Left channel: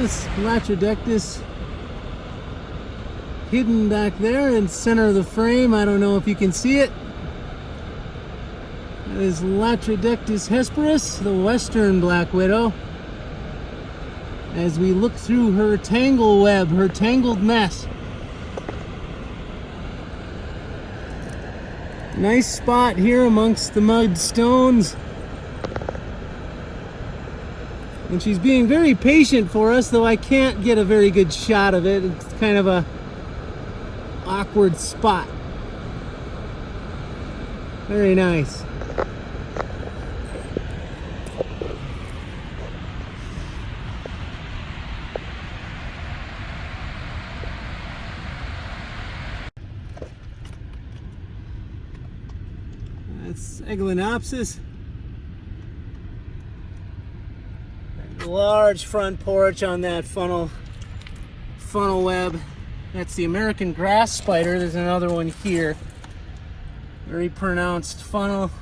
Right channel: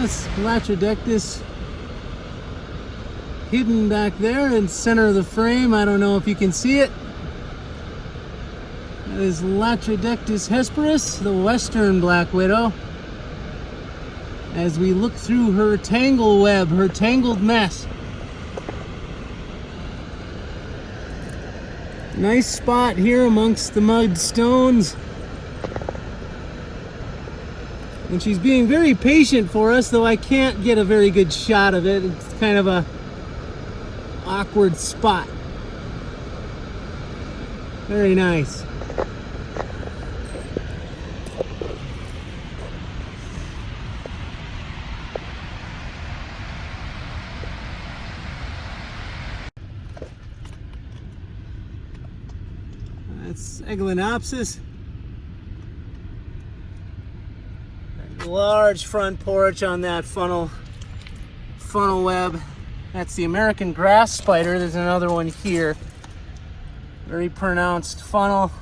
This Latrodectus hidden back there in the center of the frame. I don't know if you can see it. That is Latrodectus hesperus, the western black widow. As we look through her tangle web, her tangled mess. Nice spot here amongst the mud stones. And she's being very patient for us, though I can't get a very good shot of it. It's kind of a awkward spot. Very nice. That's Eglynopsis. Large front porch on that funnel web. That's the American grass spider. There's another one here. Very pronounced funnel.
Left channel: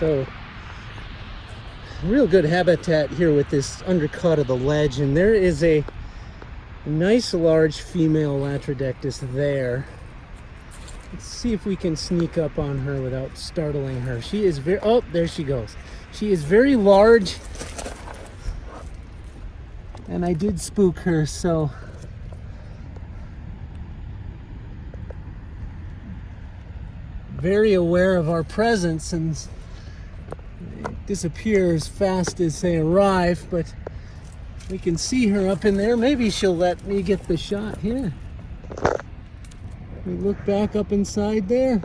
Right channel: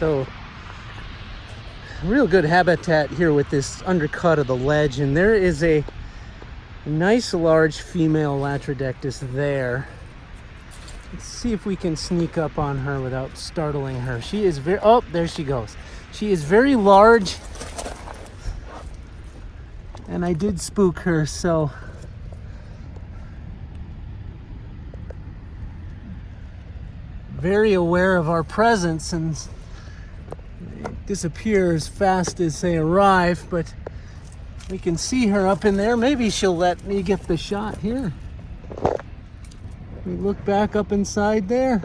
So, real good habitat here with this undercut of the ledge, and there is a nice large female Latrodectus there. Let's see if we can sneak up on her without startling her. She is very, oh, there she goes. She is very large, and I did spook her, so very aware of our presence, and they disappear as fast as they arrive, but we can see her up in there. Maybe she'll let me get the shot here. We look back up inside there.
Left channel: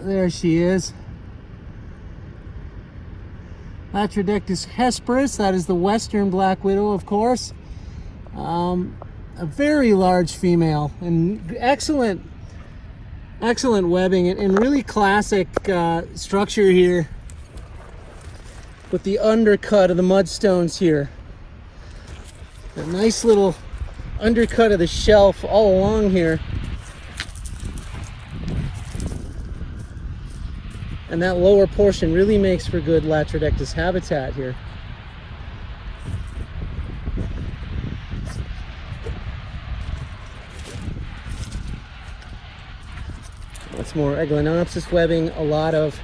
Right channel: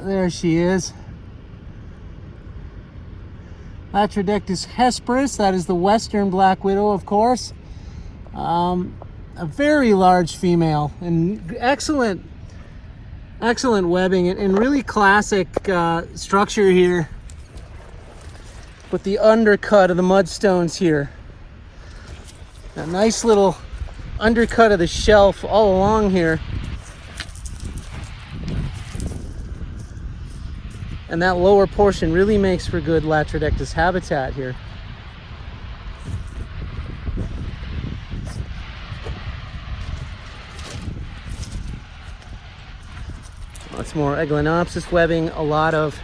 There she is. Latrodectus hesperus, that is the western black widow, of course. A very large female, and excellent webbing, and really classic structure here with the undercut of the mudstones here. A nice little undercut of the shelf all along here. And that lower portion really makes for good Latrodectus habitat here. Lots more Eglynopsis webbing, a lot of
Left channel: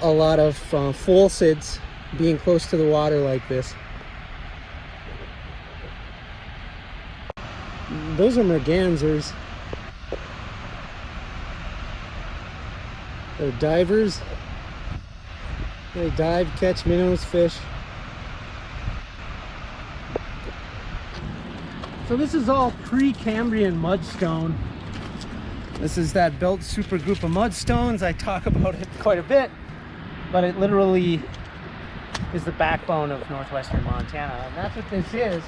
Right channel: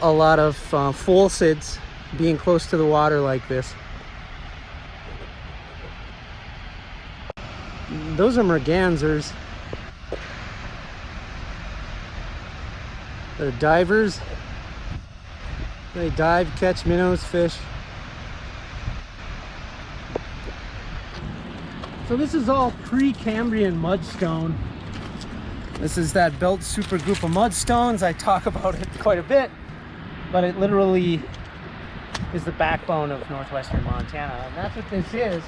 falsids being close to the water like this. Those are mergansers. They're divers. They dive, catch minnows, fish. So this is all Precambrian mudstone. This is that belt supergroup of mudstones. I talk about it quite a bit, but it literally is the backbone of northwestern Montana. And that's what this is.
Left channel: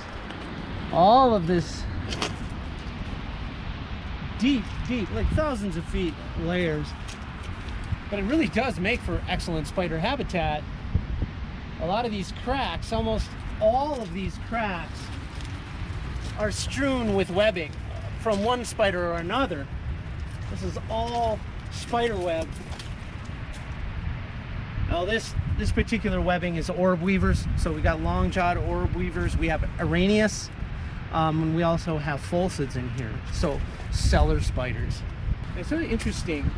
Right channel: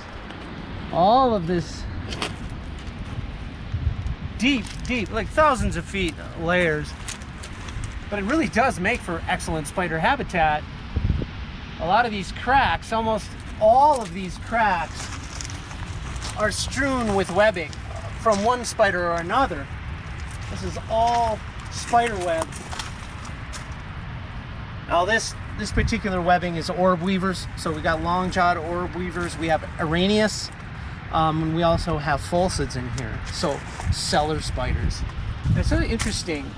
All of this deep, like thousands of feet layers. But it really does make for excellent spider habitat. A lot of these cracks, almost all of these cracks, are strewn with webbing from one spider or another. This is all spider web. Now this particular webbing is orb weavers. So we got long-jawed orb weavers. We have Araneus, and we also have falsids in here. So cellar spiders. It's really interesting,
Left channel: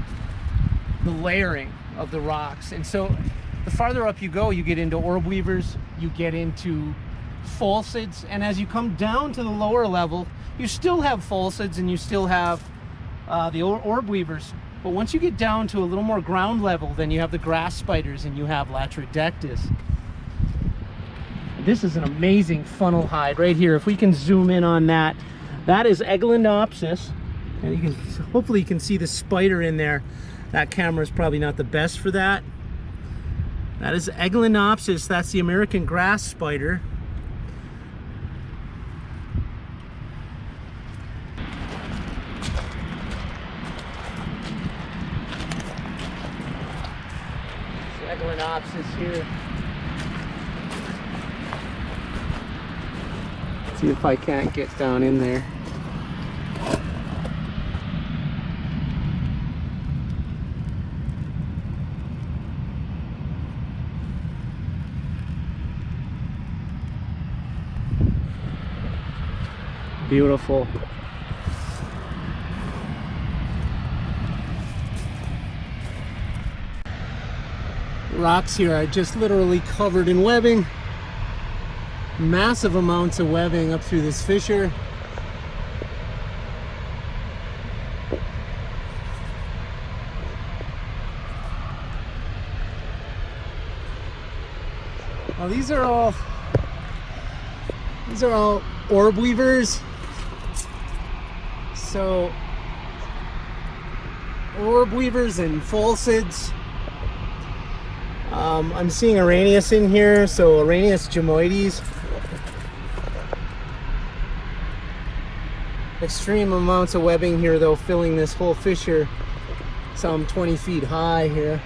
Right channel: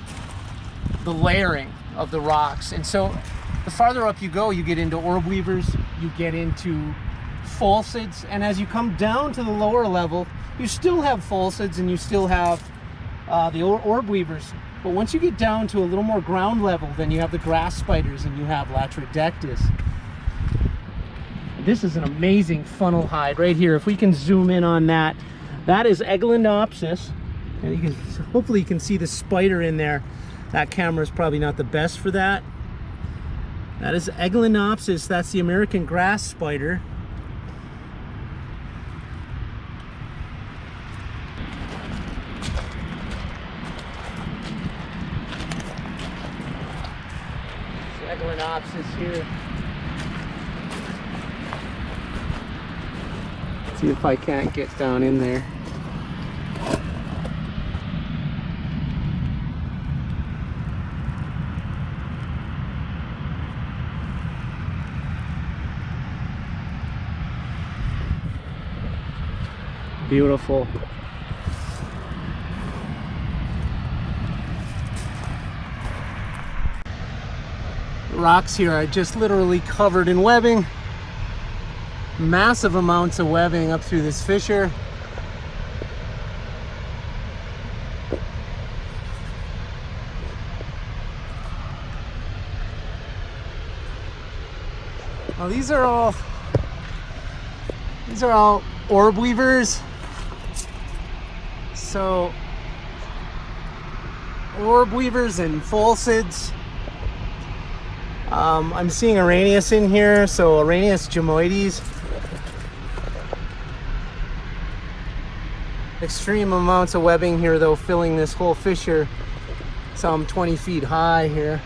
the layering of the rocks. And so the farther up you go, you get into orb weavers, you get into falsids, and as you come down to the lower level, you still have falsids and you still have the orb weavers. But once you get down to a little more ground level, then you have the grass spiders and you have Latrodectus. This is an amazing funnel hide right here. If we can zoom in on that, that is Eglynopsis, and you can, hopefully you can see the spider in there. That camera is probably not the best for that. That is Eglynopsis. That's the American grass spider. Eglynopsis here. It's See if I can't get down in there. Beautiful. Rocks here are just literally covered in webbing. Massive amounts of webbing up through this fissure. Now these are all orb weavers. So orb weavers and falsids. I'm seeing Arrhenius in here, so Arrhenius gymoides. Extreme amounts of webbing here though, filling this whole fissure. So I'm 20 feet high here.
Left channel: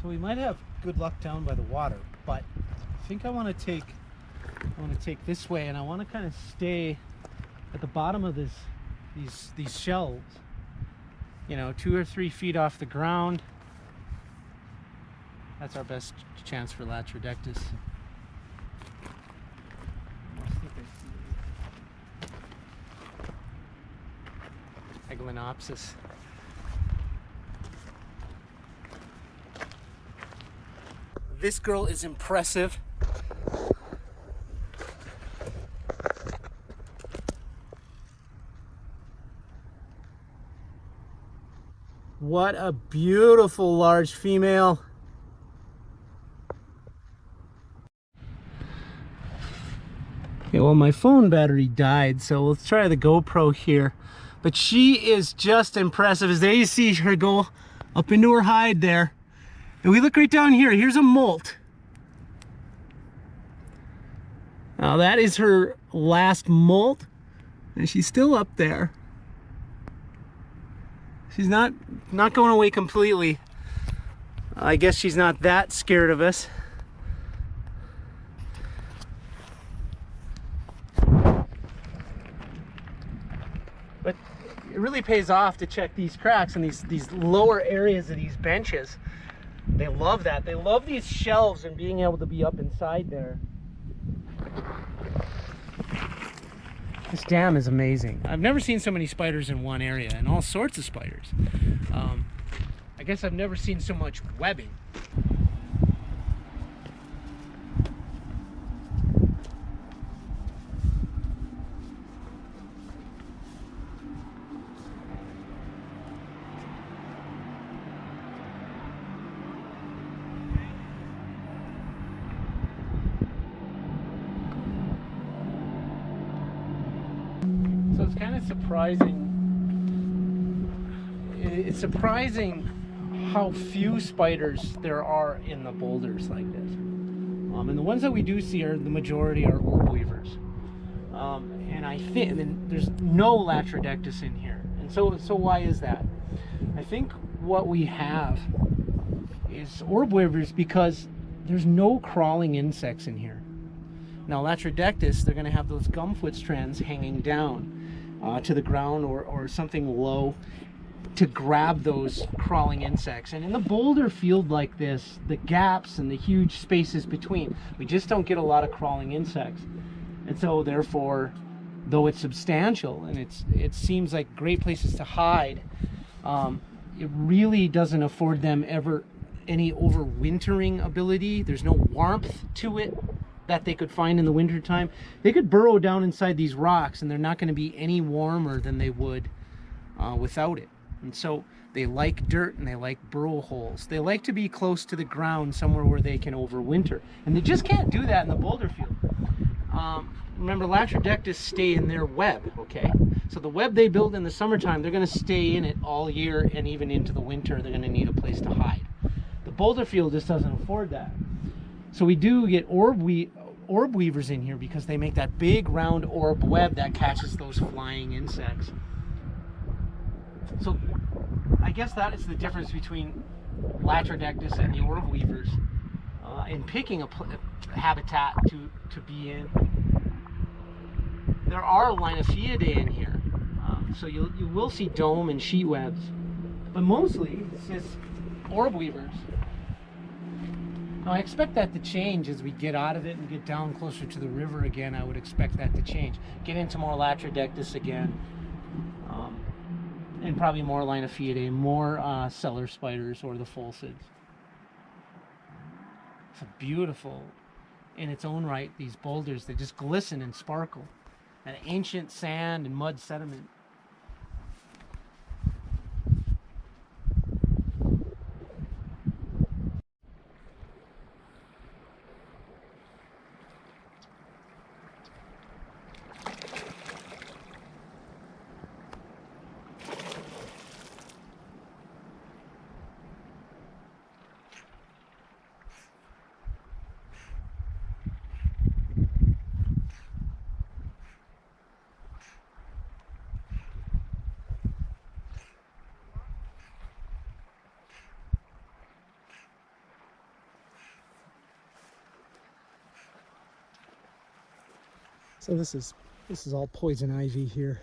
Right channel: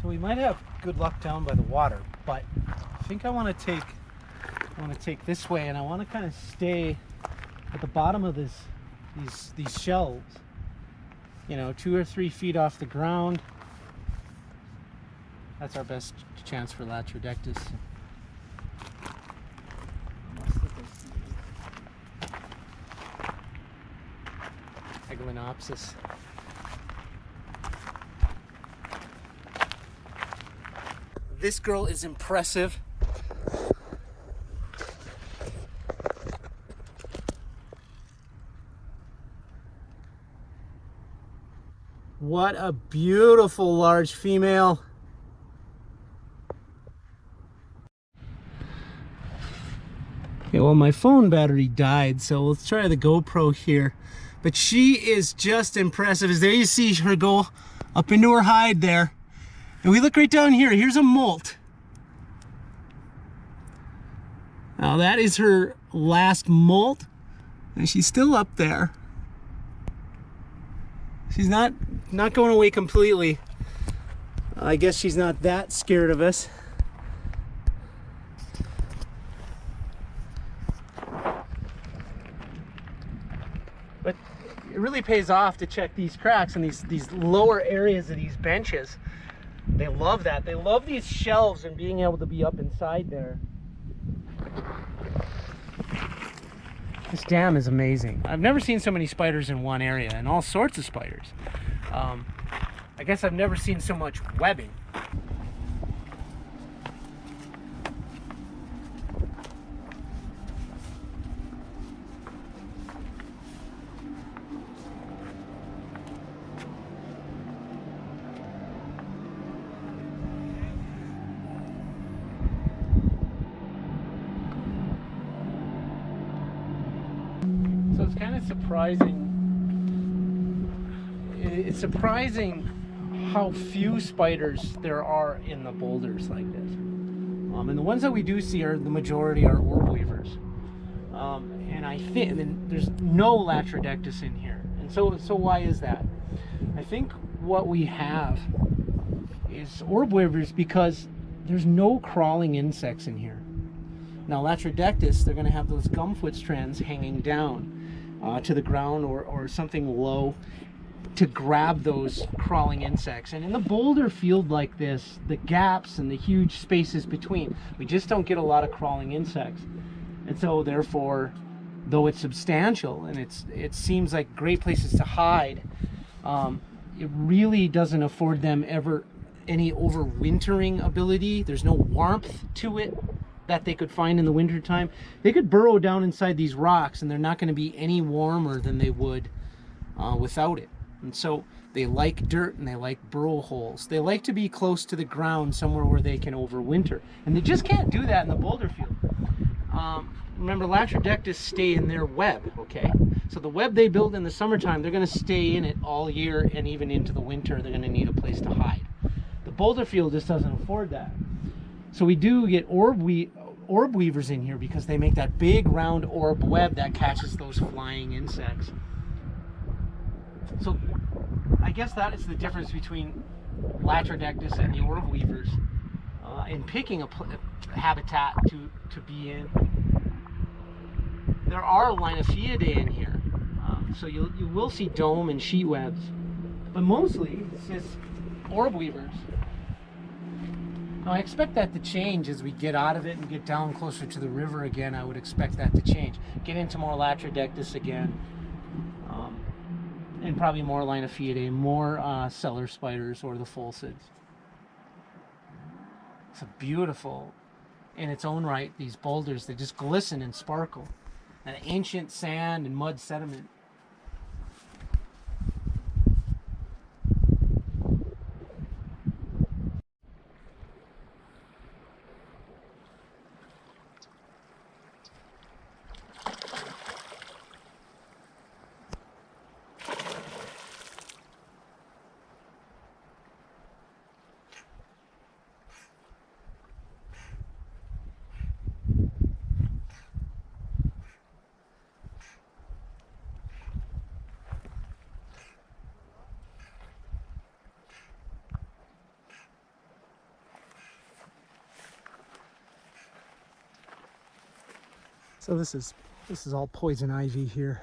So we might have good luck down by the water, but I think I want to take this way, and I want to kind of stay at the bottom of these shelves, you know, 2 or 3 feet off the ground. That's our best chance for Latrodectus. Eglinopsis. This girl is impressive. What a beautiful large female. Okay, well, my phone battery died, so let's try the GoPro here. But she is just impressive. As there you see her go up into her hide there. And we look right down here. Here's a molt. Now that is her last molt, and she's still up there. She's not going away completely. I guess she's not that scared of us. But it really pays off to check these cracks and these lower areas of these benches. They love that. They love these shelves and being able to be up inside there. This dam is amazing. I've never seen so many spiders in one area, and all sorts of spiders. I guess I've never seen so much webbing. So it's kind of surprising. It's surprising how few spiders there are in the boulders like this. And the ones that we do see are the majority are orb weavers. And I think there's no Latrodectus in here. And so why is that? I think what we have is orb weavers because there's no crawling insects in here. Now Latrodectus, they're going to have those gumfoot strands hanging down to the ground or something low to grab those crawling insects. And in the boulder field like this, the gaps and the huge spaces between, we just don't get a lot of crawling insects. And so therefore, though it's substantial and it seems like great places to hide, it really doesn't afford them ever any overwintering ability. There's no warmth to it that they could find in the winter time. They could burrow down inside these rocks and they're not going to be any warmer than they would without it. And so they like dirt and they like burrow holes. They like to be close to the ground, somewhere where they can overwinter. And they just can't do that in the boulder field. Remember, Latrodectus stay in their web, okay? So the web they build in the summertime, they're going to stay in it all year, and even into the winter, they're going to need a place to hide. The boulder field just doesn't afford that. So we do get orb weavers in here because they make that big round orb web that catches those flying insects. So I guess that is the difference between Latrodectus and the orb weavers in picking a habitat to be in. There are Linophiidae in here, so you will see dome and sheet webs, but mostly it's just orb weavers. Now I expect that to change as we get out of it and get down closer to the river again. I would expect that to change. Get into more Latrodectus again, and probably more Linophiidae, more cellar spiders or the Phulcids. It's a beautiful, in its own right, these boulders, they just glisten and sparkle. An ancient sand and mud sediment. So this is all poison ivy here.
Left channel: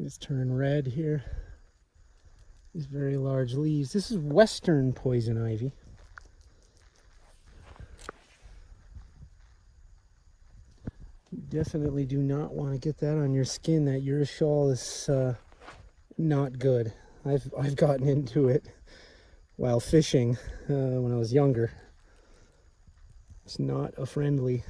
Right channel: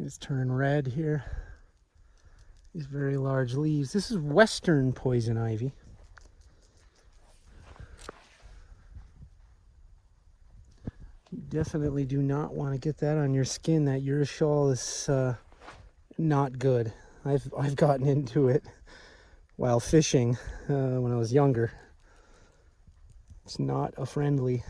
It's turning red here. These very large leaves. This is western poison ivy. You definitely do not want to get that on your skin. That urushiol is not good. I've gotten into it while fishing when I was younger. It's not a friendly